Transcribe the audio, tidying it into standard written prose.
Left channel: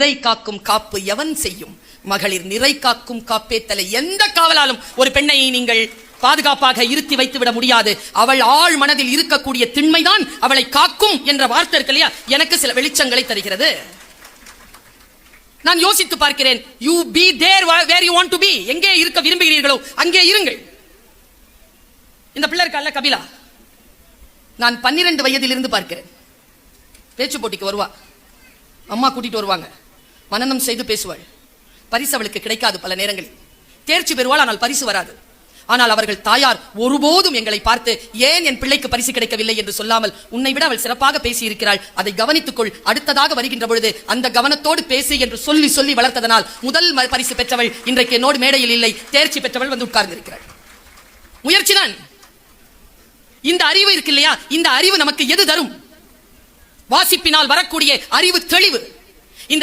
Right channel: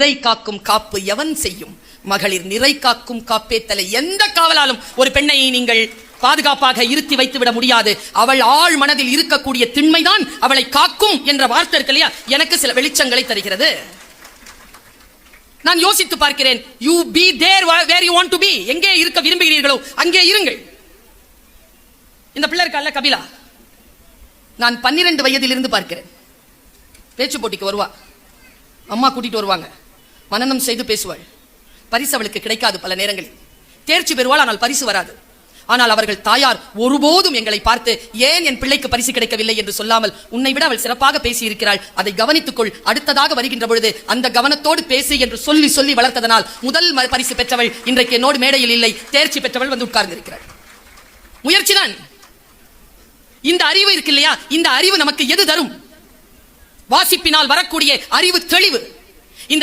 நிறை காக்கும் காப்பு எவன் செய்யும்? மகளிர் நிறை காக்கும் காப்பே தலை. எந்த காவலாலும் ஒரு பெண்ணை நீங்கள் பாதுகாப்பாக இருத்தி வைத்து விட முடியாது. அவள் ஆழ் மனதில் இருக்கக்கூடிய திண்மைதான் அவளை காக்கும் என்ற வார்த்தை இருக்கு இல்லையா, எனக்கு சில வெளிச்சங்களை தருகிறது. நான் யோசித்து பார்க்கிறேன். You be there where you want to be. எங்கே இருக்க விரும்புகிறீர்களோ அங்கே இருங்கள். இந்த பிள்ளை இருக்கல்ல கபிலா, நான் 12 வயதில் இருந்து பார்க்கிறேன். பேச்சு போட்டிக்கு வருவா, அம்மா கூட்டிட்டு வருவாங்க, மனனம் செய்து பேசுவாள். பரிசு அவளுக்கு கிடைக்காது, பல நேரங்களில் தேர்ச்சி பெறுவாள், ஆனால் பரிசு வராது. ஆனால் அவர்கள் தாயார் ஒருபோதும் எங்களை பார்த்து ஏன் என் பிள்ளைக்கு பரிசு கிடைக்கவில்லை என்று சொல்லாமல், உன்னை விட அவள் சிறப்பாக பேசி இருக்கிறாள், அதை கவனித்துக் கொள், அடுத்ததாக வருகின்ற பொழுது அந்த கவனத்தோடு பேசு என்று சொல்லி சொல்லி வளர்த்ததனால் முதல் பரிசு பெற்றவள் இன்றைக்கு என்னோடு மேடையில் இல்லை. தேர்ச்சி பெற்றவள் வந்து உட்கார்ந்திருக்கிறாள். முயற்சிதான். இந்த அறிவு இருக்கு இல்லையா, இந்த அறிவு நமக்கு எது தரும்? வாசிப்பினால் வரக்கூடிய அறிவு தெளிவு.